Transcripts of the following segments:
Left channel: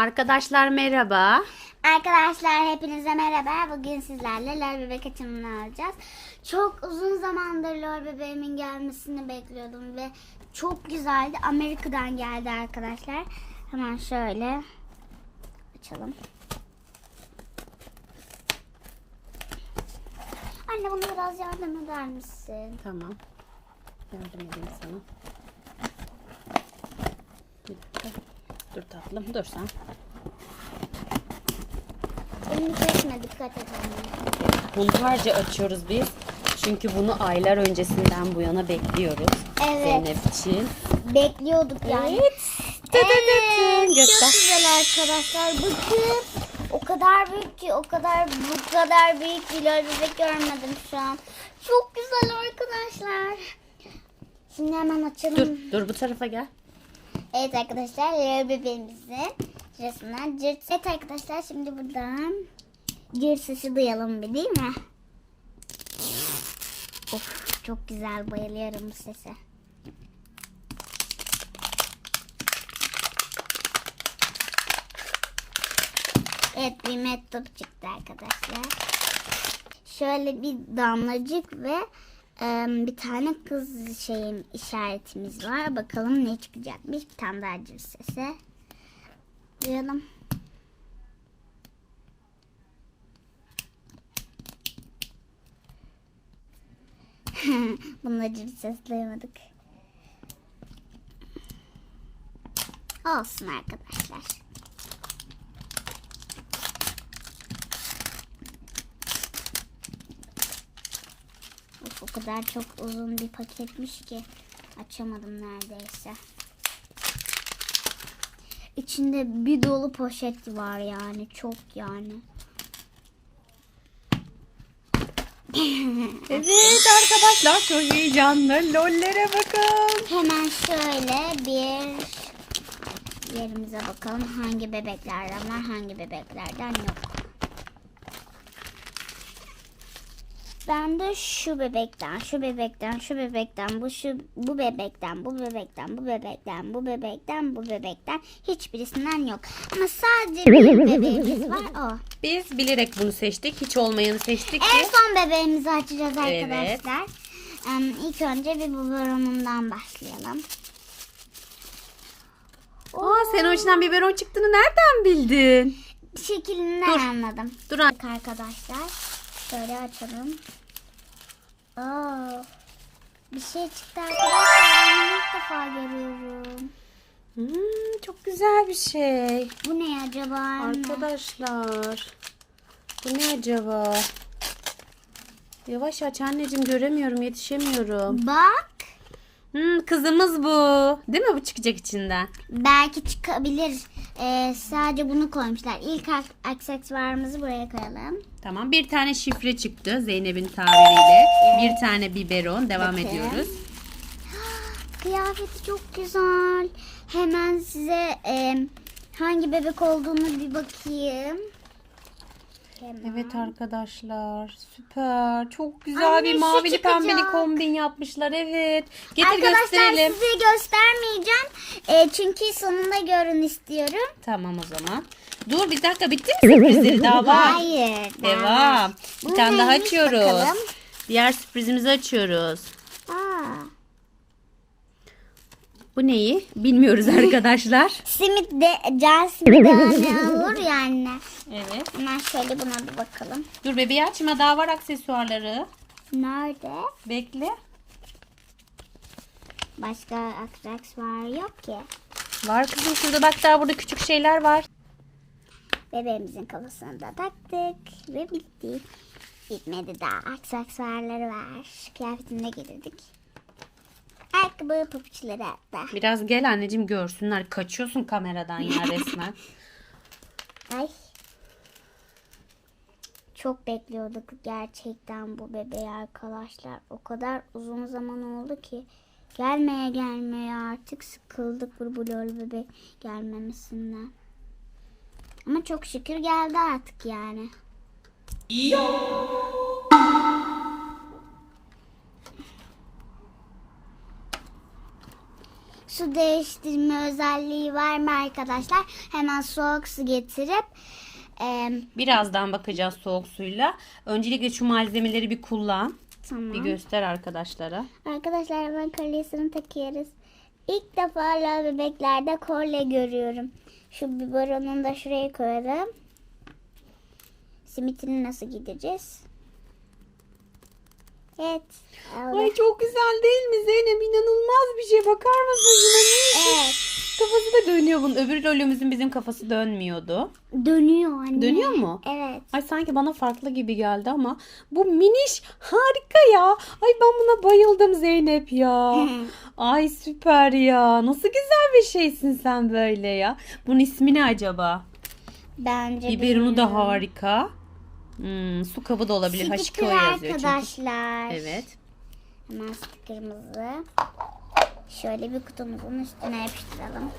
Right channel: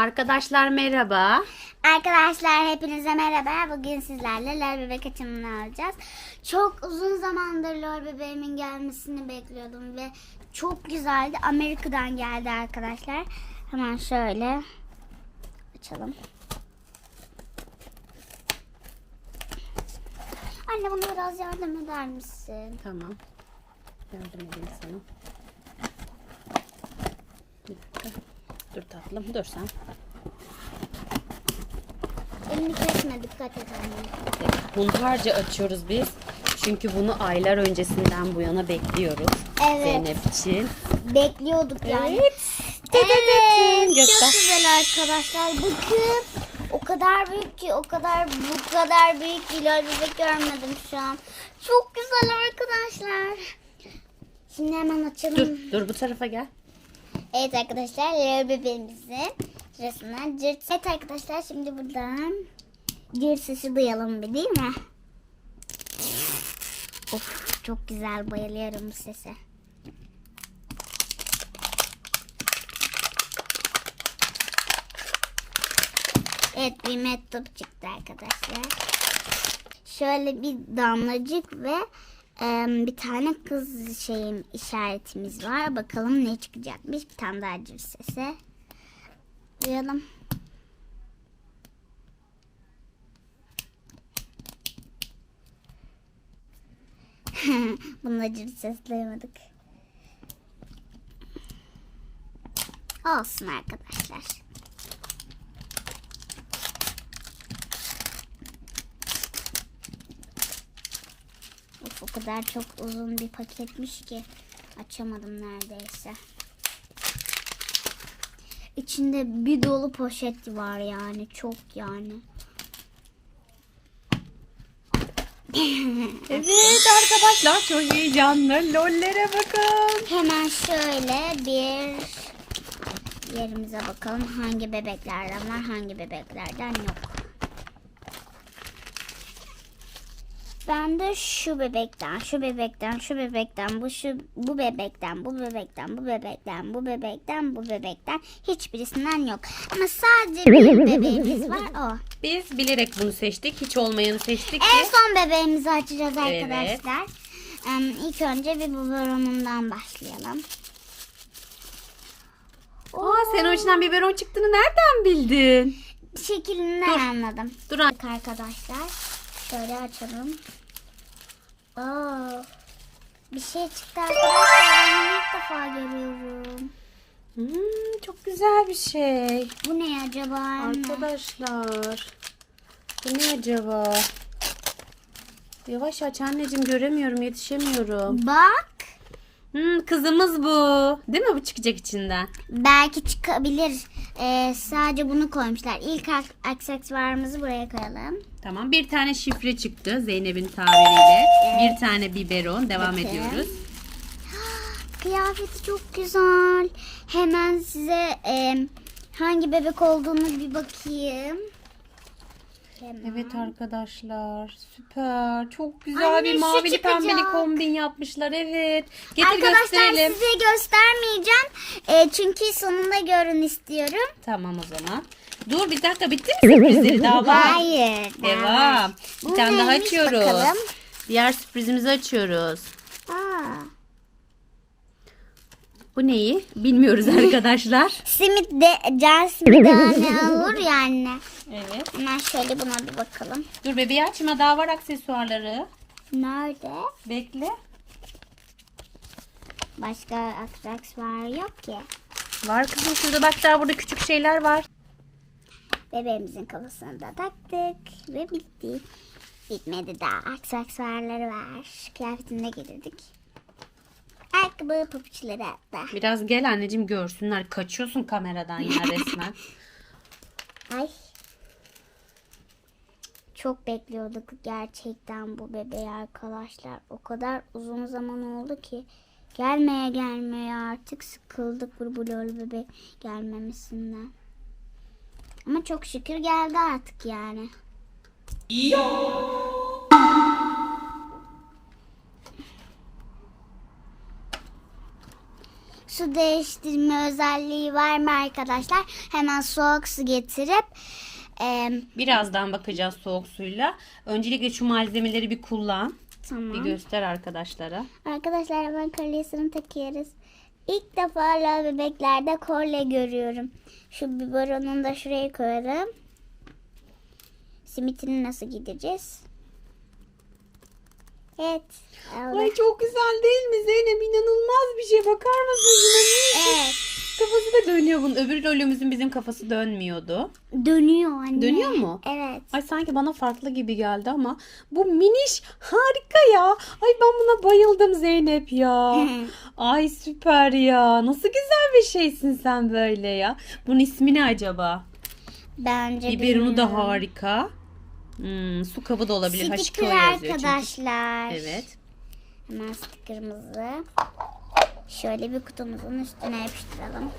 Arkadaşlar merhaba. Arkadaşlar hepinize merhaba. Bugün sizlerle lor bebek açımını alacağız. Çok uzun zamandır lor bebeğimin gelmesini bekliyordum ve çok güzeldi. Amerika'dan geldi arkadaşlar. Hemen şöyle açalım. Anne bana biraz yardım eder misin? Tamam. Yardım edeyim sana. Bir dakika. Dur tatlım dur sen. Elini kesme dikkat et. Hunharca açıyoruz biz. Çünkü bunu aylar öncesinden bu yana bekliyoruz. Evet. Zeynep için. Bekliyorduk yani. Evet. Evet. Göster. Çok güzel arkadaşlar. Bakın o kadar büyük ki o kadar bu kadar büyük bebek görmedim şu an. Çok güzel arkadaşlar. Şimdi hemen açalım. Dur dur bu tarafa gel. Evet arkadaşlar Leo bebeğimizin şurasından cırt. Evet arkadaşlar şimdi buradan cırt sesi duyalım bir değil mi? Of çok güzel bayılıyorum bu sese. Evet bir mektup çıktı arkadaşlar. Şöyle bir damlacık ve bir tane kız şeyim işaretimiz var. Bakalım ne çıkacakmış. Bir tane daha cır sesi. Duyalım. Bunda cır ses duymadık. Olsun arkadaşlar. Kadar çok uzun bir paketmiş ki açamadım neredeyse. İçinde bir dolu poşet var yani çok yani. Evet arkadaşlar çok heyecanlı. Lollere bakın. Hemen şöyle bir yerimize bakalım hangi bebeklerden var hangi bebeklerden yok. Ben de şu bebekten, şu bebekten, şu bebekten, bu şu bu bebekten, bu bebekten, bu bebekten, bu bebekten, bu bebekten hiçbirisinden yok. Ama sadece bir bebeğimiz var o. Biz bilerek bunu seçtik. Hiç olmayanı seçtik En ki. son bebeğimizi açacağız Evet. arkadaşlar. Em, İlk önce bir biberonundan başlayalım. Aa, sen o içinden biberon çıktığını nereden bildin? Şeklinden Dur. anladım. Dur an- Bak arkadaşlar. Şöyle açalım. Aa, bir şey çıktı arkadaşlar. Ben ilk defa görüyorum. Hmm, çok güzel bir şey. Bu ne acaba? anne? Arkadaşlar. Bu ne acaba? Yavaş aç anneciğim göremiyorum yetişemiyorum. Bak. Hmm, kızımız bu. Değil mi bu çıkacak içinden? Belki çıkabilir. Ee, sadece bunu koymuşlar. İlk ak- aksesuarımızı buraya koyalım. Tamam bir tane şifre çıktı Zeynep'in tabiriyle. Bir tane biberon. Devam Peki. ediyoruz. Kıyafeti çok güzel. Hemen size e, hangi bebek olduğunu bir bakayım. Hemen. Evet arkadaşlar süper. Çok güzel bir Anne, şu mavili pembeli çıkacak. kombin yapmışlar. Evet. Getir Arkadaşlar gösterelim. size göstermeyeceğim. E, çünkü sonunda görün istiyorum. Tamam o zaman. Dur bir dakika bitti mi sürprizleri daha var. Hayır. Devam. Bir tane daha neymiş açıyoruz. bakalım? Diğer sürprizimizi açıyoruz. Aa, Bu neyi? Bilmiyoruz arkadaşlar. simit de can simit olur ya anne. Evet. Hemen şöyle buna bir bakalım. Dur bebeği açma daha var aksesuarları. Nerede? Bekle. Başka aksesuar yok ki. Var kızım şurada bak daha burada küçük şeyler var. Bebeğimizin kafasını da taktık ve bitti. Bitmedi daha. Aksesuarları var. Kıyafetini de getirdik. Ayakkabı papuçları hatta. Biraz gel anneciğim görsünler. Kaçıyorsun kameradan ya resmen. Ay. Çok bekliyorduk gerçekten bu bebeği arkadaşlar. O kadar uzun zaman oldu ki gelmeye gelmeye artık sıkıldık bu blol bebek gelmemesinden. Ama çok şükür geldi artık yani. Su değiştirme özelliği var mı arkadaşlar? Hemen soğuk su getirip e, Birazdan bakacağız soğuk suyla. Öncelikle şu malzemeleri bir kullan. tamam. Bir göster arkadaşlara. Arkadaşlar hemen kolyesini takıyoruz. İlk defa la bebeklerde kolye görüyorum. Şu biberonunu da şuraya koyarım. Simitini nasıl gideceğiz? Evet. Ay çok güzel değil mi Zeynep? İnanılmaz bir şey. Bakar mısın? Evet. Kafası da dönüyor bunun. Öbür rolümüzün bizim kafası dönmüyordu. Dönüyor anne. Dönüyor mu? Evet. Ay sanki bana farklı gibi geldi ama bu miniş harika ya. Ay ben buna bayıldım Zeynep ya. Ay süper ya. Nasıl güzel bir şeysin sen böyle ya. Bunun ismi ne acaba? Bence Biberonu da harika. Hmm, su kabı da olabilir. H2O Sticker yazıyor çünkü. arkadaşlar. Evet. Hemen sticker'ımızı şöyle bir kutumuzun üstüne yapıştıralım.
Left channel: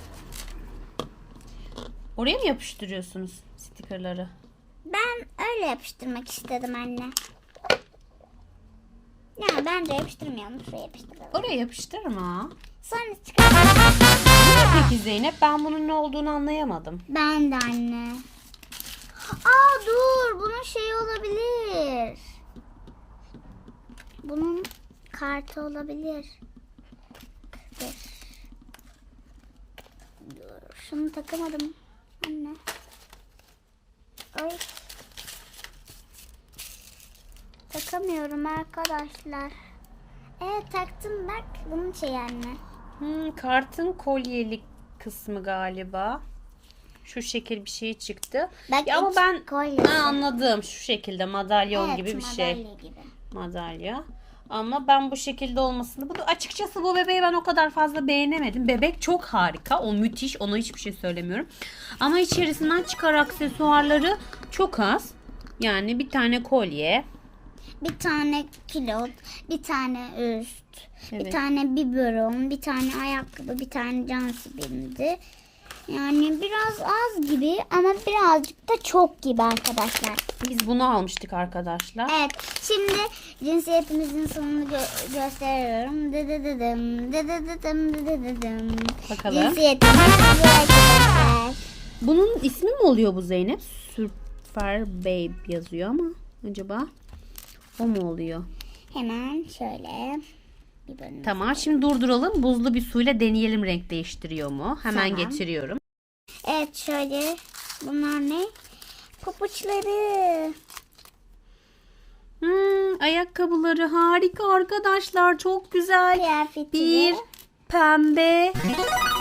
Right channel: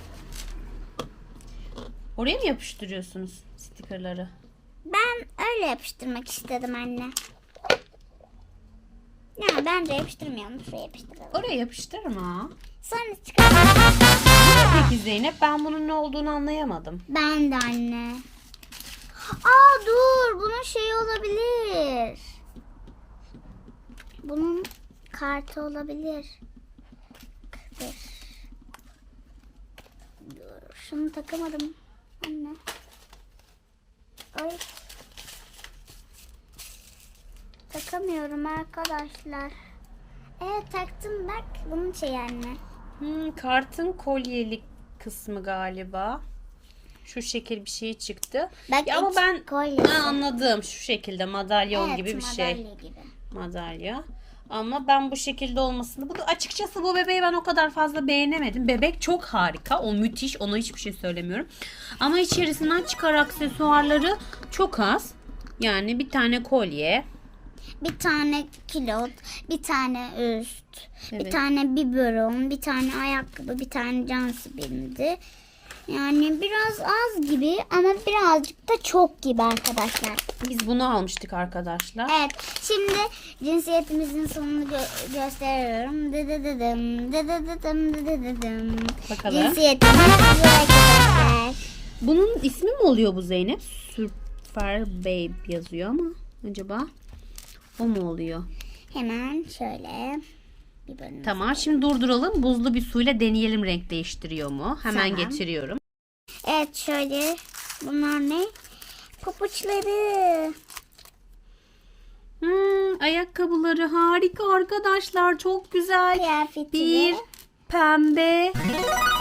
Oraya mı yapıştırıyorsunuz stikerleri? Ben öyle yapıştırmak istedim anne. Ya ben de yapıştırmıyorum. Şuraya yapıştıralım. Oraya yapıştırma. Sonra çıkar. Peki Zeynep ben bunun ne olduğunu anlayamadım. Ben de anne. Aa dur. Bunun şey olabilir. Bunun kartı olabilir. Dur. Dur. Şunu takamadım. Anne. Ay. Takamıyorum arkadaşlar. Evet taktım bak. Bunun şey anne. Hmm, kartın kolyelik kısmı galiba. Şu şekil bir şey çıktı. Bak, Ya ama ben kolyesi. Ha, anladım. Şu şekilde madalyon Evet, gibi bir şey. gibi. Madalya. Ama ben bu şekilde olmasını bu da açıkçası bu bebeği ben o kadar fazla beğenemedim. Bebek çok harika. O müthiş. Ona hiçbir şey söylemiyorum. Ama içerisinden çıkar aksesuarları çok az. Yani bir tane kolye. Bir tane kilot, bir tane üst, bir Evet. tane biberon, bir tane ayakkabı, bir tane can sibindi. Yani biraz az gibi ama birazcık da çok gibi arkadaşlar. Biz bunu almıştık arkadaşlar. Evet, şimdi cinsiyetimizin sonunu gö- gösteriyorum. Dıdıdıdım, dıdıdıdım, dıdıdıdım. Bakalım. Cinsiyetimiz. Bunun ismi mi oluyor bu Zeynep? Super Babe yazıyor ama acaba o mu oluyor? Hemen şöyle biberonumuzu Tamam şimdi durduralım. Buzlu bir suyla deneyelim renk değiştiriyor mu? Hemen Tamam. getiriyorum. Evet şöyle. Bunlar ne? Papuçları. Hmm, ayakkabıları harika arkadaşlar. Çok güzel. Kıyafeti. Bir pembe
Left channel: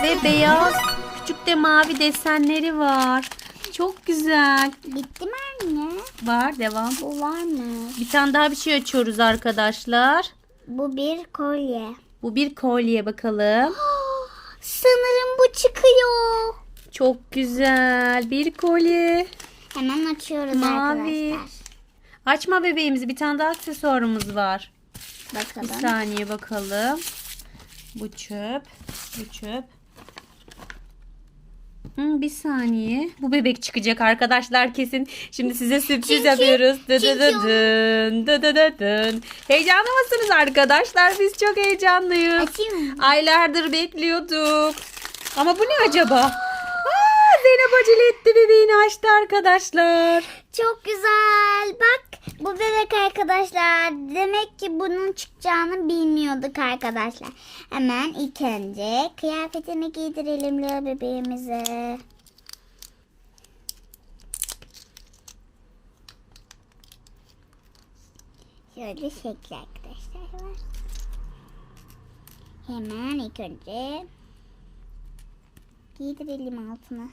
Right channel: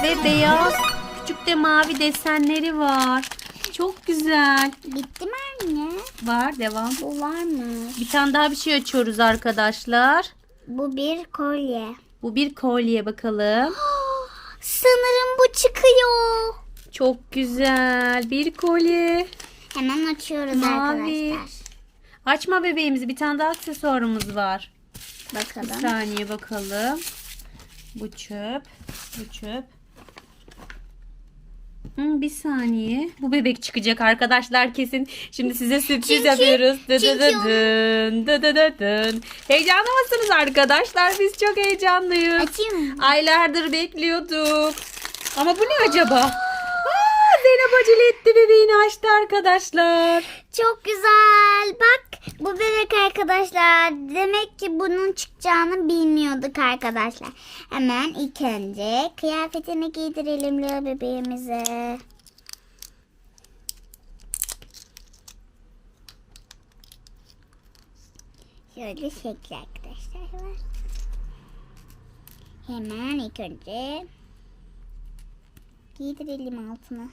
ve beyaz küçük de mavi desenleri var. Çok güzel. Bitti mi anne? Var devam. Bu var mı? Bir tane daha bir şey açıyoruz arkadaşlar. Bu bir kolye. Bu bir kolye bakalım. Sanırım bu çıkıyor. Çok güzel. Bir kolye. Hemen açıyoruz Mavi. arkadaşlar. Açma bebeğimizi. Bir tane daha aksesuarımız var. Bir Bakalım. saniye bakalım. Bu çöp. Bu çöp. Hmm, bir saniye. Bu bebek çıkacak arkadaşlar kesin. Şimdi size sürpriz Çünkü- yapıyoruz. Dı dı dı çünkü o- dın, dı dı dı dın. Heyecanlı mısınız arkadaşlar? Biz çok heyecanlıyız. Açayım mı? Aylardır bekliyorduk. Ama bu ne acaba? Zeynep acele etti bebeğini açtı arkadaşlar. Çok güzel. Bak bu bebek arkadaşlar. Demek ki bunun çıkacağını bilmiyorduk arkadaşlar. Hemen ilk önce kıyafetini giydirelim Leo bebeğimize. Şöyle şekli arkadaşlar. Hemen ilk önce giydirelim altına.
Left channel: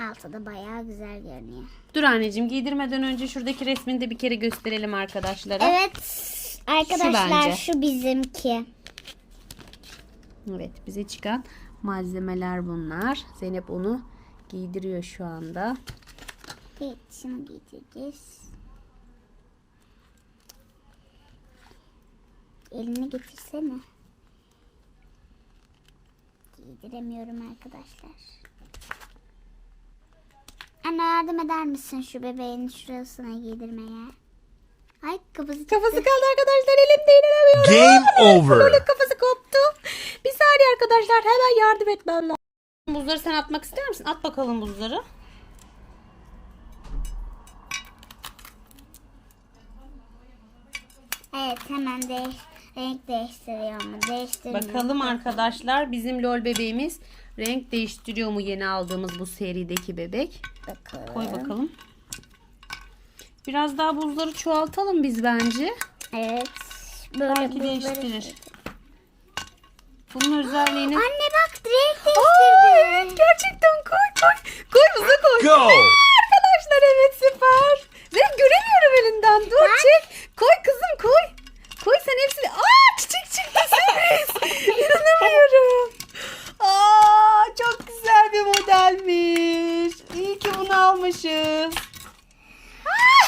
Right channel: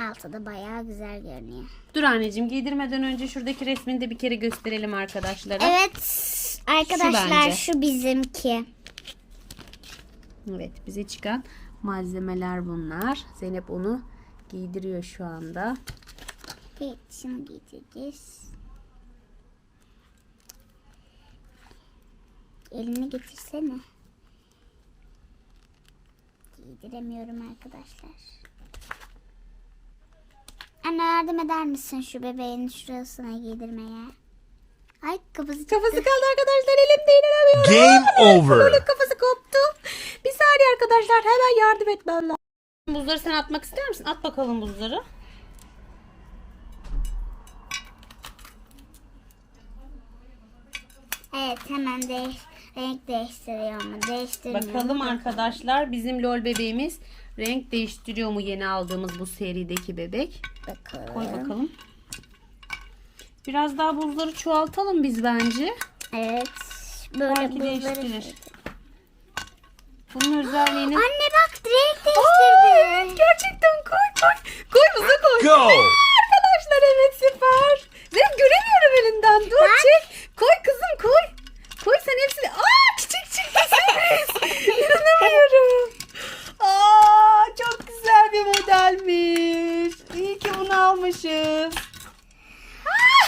Altı da bayağı güzel görünüyor. Dur anneciğim giydirmeden önce şuradaki resmini de bir kere gösterelim arkadaşlara. Evet arkadaşlar bence. şu, bizimki. Evet bize çıkan malzemeler bunlar. Zeynep onu giydiriyor şu anda. Bir şunu giydireceğiz. Elini getirsene. Giydiremiyorum arkadaşlar. Anne yardım eder misin şu bebeğin şurasına giydirmeye? Ay kafası çıktı. Kafası kaldı arkadaşlar elimde inanamıyorum. Game over. Böyle kafası koptu. Bir saniye arkadaşlar hemen yardım etmem lazım. Buzları sen atmak ister misin? At bakalım buzları. Evet hemen değiş renk değiştiriyor mu? Değiştiriyor. Bakalım arkadaşlar bizim lol bebeğimiz renk değiştiriyor mu yeni aldığımız bu serideki bebek? Bakalım. Koy bakalım. Biraz daha buzları çoğaltalım biz bence. Evet. Böyle Belki buzları. değiştirir. Bunun özelliğini... Anne bak renk değiştirdi. evet gerçekten koy koy. Koy buza koy. Go! Arkadaşlar evet süper. Ben göremiyorum elinden. Dur çek. Koy kızım koy. Koy sen hepsini. Aa çiçek çıktı sürpriz. İnanamıyorum. Aa çok güzel bir modelmiş. İyi ki bunu almışız. Aa,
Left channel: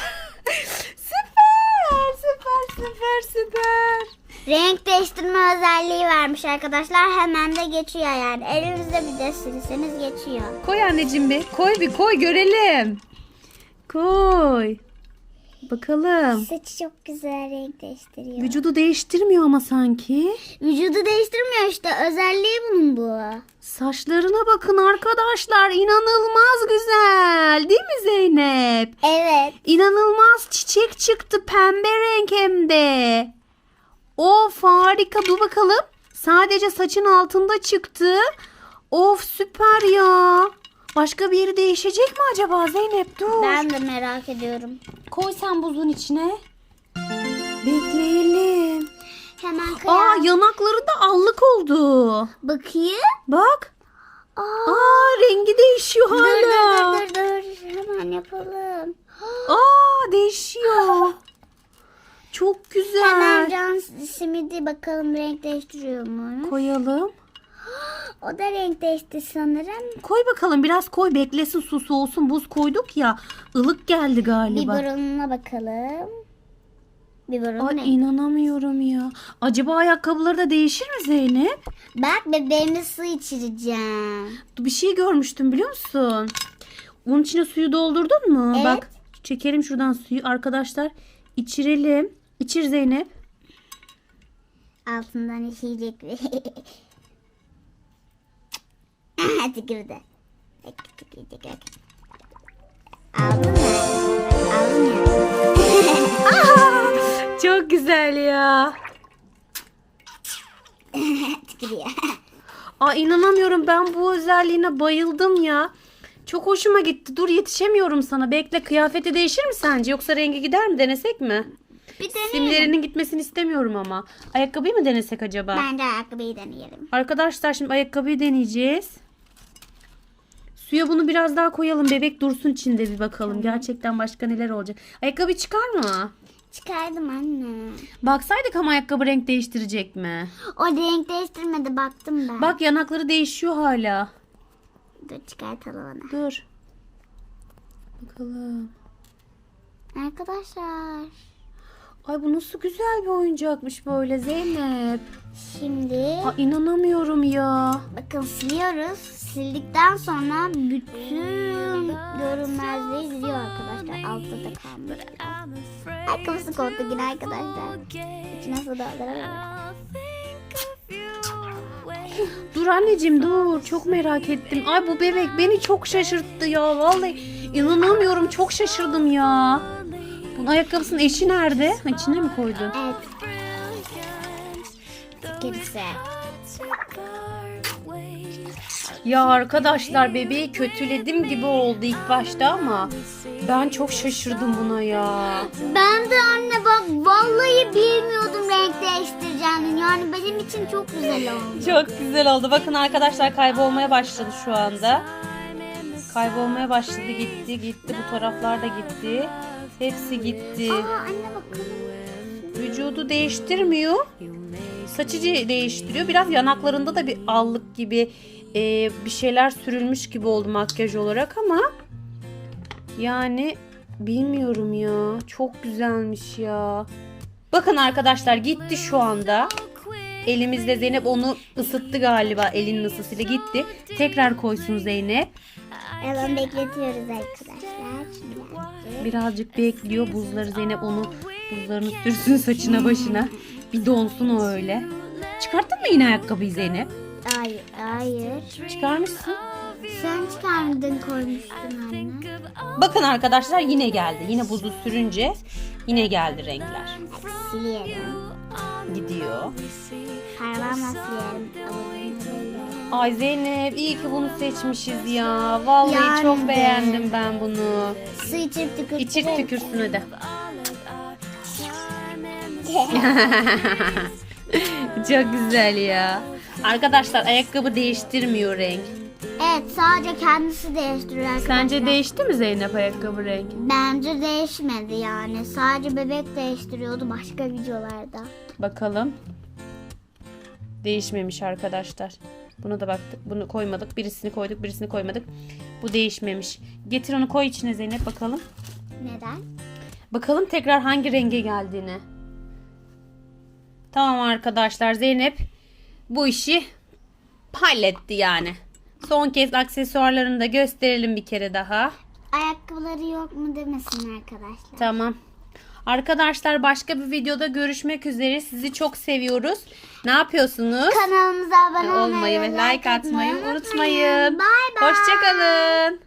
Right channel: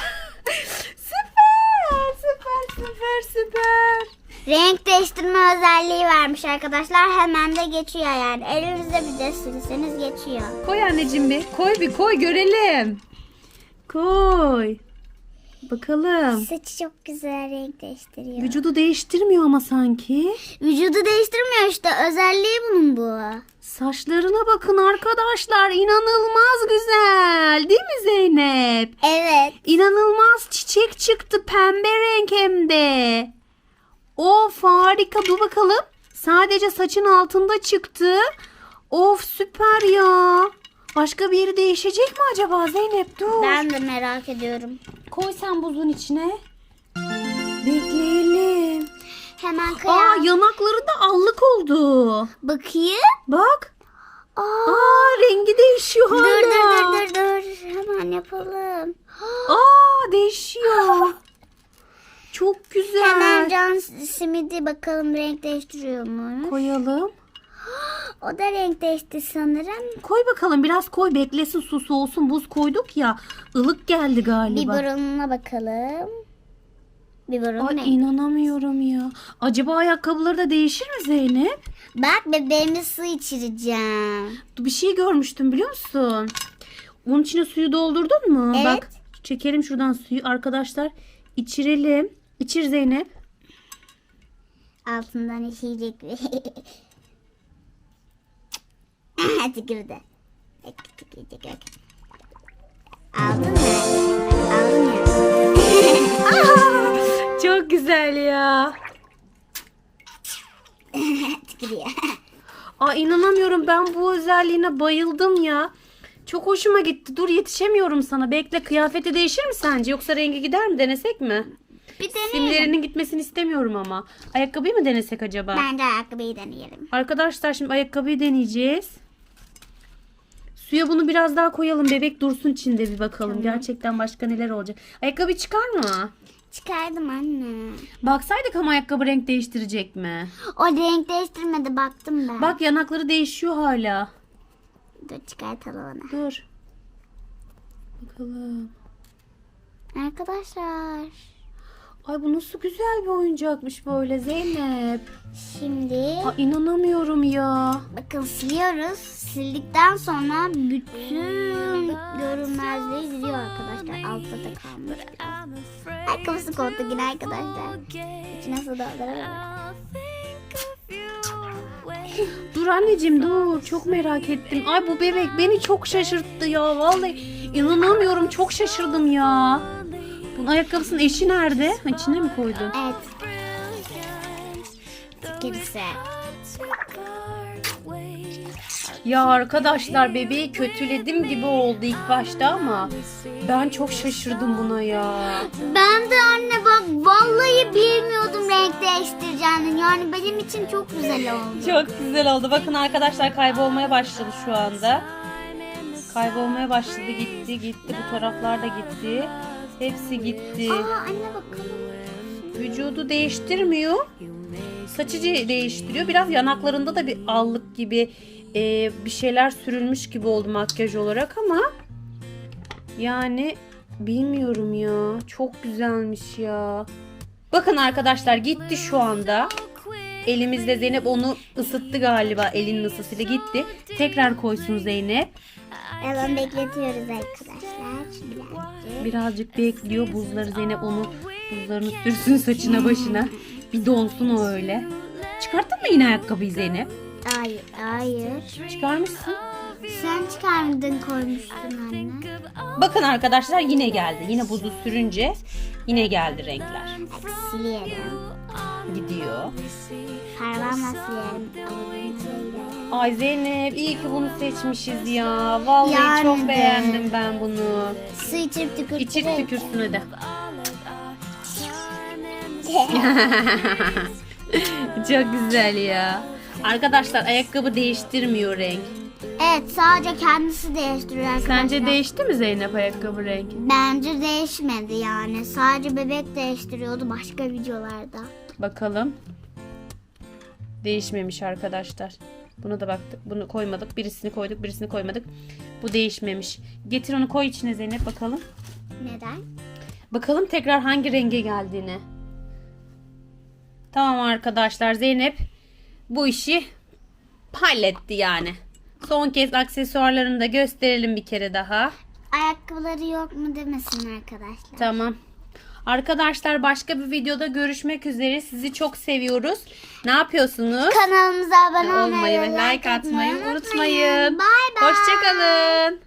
süper süper süper süper. Renk değiştirme özelliği vermiş arkadaşlar. Hemen de geçiyor yani. Elinizde bir de silseniz geçiyor. Koy anneciğim bir. Koy bir koy görelim. Koy. Bakalım. Saçı çok güzel renk değiştiriyor. Vücudu değiştirmiyor ama sanki. Vücudu değiştirmiyor işte. Özelliği bunun bu. Saçlarına bakın arkadaşlar. İnanılmaz güzel. Değil mi Zeynep? Evet. İnanılmaz çiçek çıktı. Pembe renk hem de. Of harika. Dur bakalım. Sadece saçın altında çıktı. Of süper ya. Başka bir yeri değişecek mi acaba Zeynep? Dur. Ben de merak ediyorum. Koy sen buzun içine. Bekleyelim. Hemen Aa kıyam. yanakları da allık oldu. Bakayım. Bak. Aa. Aa rengi değişiyor Dur hala. dur dur dur. Hemen yapalım. Aa değişiyor. Çok Hemen güzel. can simidi bakalım renk değiştiriyor mu? Koyalım. O da renk değişti sanırım. Koy bakalım biraz koy beklesin su soğusun buz koyduk ya. ılık geldi galiba. Biberonuna bakalım. Biberon Ay ne? inanamıyorum ya. Acaba ayakkabıları da değişir mi Zeynep? Bak bebeğime su içireceğim. Bir şey görmüştüm biliyor musun? Onun içine suyu doldurdun mu? Evet. Bak çekelim şuradan suyu arkadaşlar. içirelim. İçir Zeynep. Altından işeyecek. Tükürdü. Tükürdü. Aldın mı? Aldın ya. Çok güzel ya. Tükürüyor. Aa inanamıyorum ben bu özelliğine bayıldım ya. Çok hoşuma gitti. Dur yetişemiyorum sana. Bekle kıyafeti değişir mi sence? Yoksa rengi gider mi? Denesek mi? Bir deneyelim. Simlerinin gitmesini istemiyorum ama. Ayakkabıyı mı denesek acaba? Bence ayakkabıyı deneyelim. Arkadaşlar şimdi ayakkabıyı deneyeceğiz. Suya bunu biraz daha koyalım. Bebek dursun içinde bir bakalım. Gerçekten başka neler olacak. Ayakkabı çıkar mı? Çıkardım anne. Baksaydık ama ayakkabı renk değiştirecek mi? O renk değiştirmedi baktım ben. Bak yanakları değişiyor hala. Dur çıkartalım onu. Dur. Bakalım. Arkadaşlar. Ay bu nasıl güzel bir oyuncakmış böyle Zeynep. Şimdi Aa, inanamıyorum ya. bakın siliyoruz. Sildikten sonra bütün görünmezliği gidiyor arkadaşlar. Altta da kalmış. Ayakkabısı koptu yine arkadaşlar. Su dolduralım. Dur anneciğim dur. Çok merak ettim. Ay bu bebek beni çok şaşırttı ya. Vallahi inanamıyorum. Çok şaşırdım ya. Bunun ayakkabısının eşi nerede? Ha, içine mi koydun? Evet. Ya arkadaşlar bebeği kötüledim gibi oldu ilk başta ama ben çok şaşırdım buna ya. Ben de anne bak vallahi bilmiyordum renk değiştireceğini. Yani benim için çok güzel oldu. Çok güzel oldu. Bakın arkadaşlar kaybolmaya başladı şu anda. Kaybolmaya başladı. Gitti gitti. Bu taraflar da gitti. Hepsi gitti. Aa anne bakalım. Vücudu değiştirmiyor. Saçı değiştiriyor. Biraz yanaklarında da bir allık gibi e, bir şeyler sürülmüş gibi oldu makyaj olarak ama yani bilmiyorum ya. Çok güzelmiş ya. Bakın arkadaşlar gitti şu anda. Elimizde Zeynep onu ısıttı galiba elinin ısısıyla gitti. Tekrar koysun Zeynep. Hemen bekletiyoruz arkadaşlar. Birazcık bekliyor buzları Zeynep onu buzlarını sürsün saçına başına. Bir donsun o öyle. Çıkarttın mı yine ayakkabıyı Zeynep? Hayır, hayır. Çıkarmışsın. Sen çıkarmadın koymuştun anne. Bakın arkadaşlar yine geldi. Yine buzu sürünce yine geldi renkler. Silerim. Gidiyor. Ay Zeynep iyi ki bunu seçmişiz ya. Vallahi Yani çok beğendim ben bunu. Su içip tükür. İçir tükürsün hadi. çok güzel ya. Arkadaşlar ayakkabı değiştirmiyor renk. Sadece kendisi değiştiriyor arkadaşlar. Sence değişti mi Zeynep ayakkabı renk? Bence değişmedi yani. Sadece bebek değiştiriyordu başka videolarda. Bakalım. Değişmemiş arkadaşlar. Buna da baktık. Bunu koymadık. Birisini koyduk, birisini koymadık. Bu değişmemiş. Getir onu koy içine Zeynep bakalım. Neden? Bakalım tekrar hangi renge geldiğini. Tamam arkadaşlar Zeynep bu işi halletti yani. Son kez aksesuarlarını da gösterelim bir kere daha. Ayakkabıları yok mu demesin arkadaşlar. Tamam. Arkadaşlar başka bir videoda görüşmek üzere. Sizi çok seviyoruz. Ne yapıyorsunuz? Kanalımıza abone olmayı, ve like atmayı unutmayın. Bay bay. Hoşçakalın.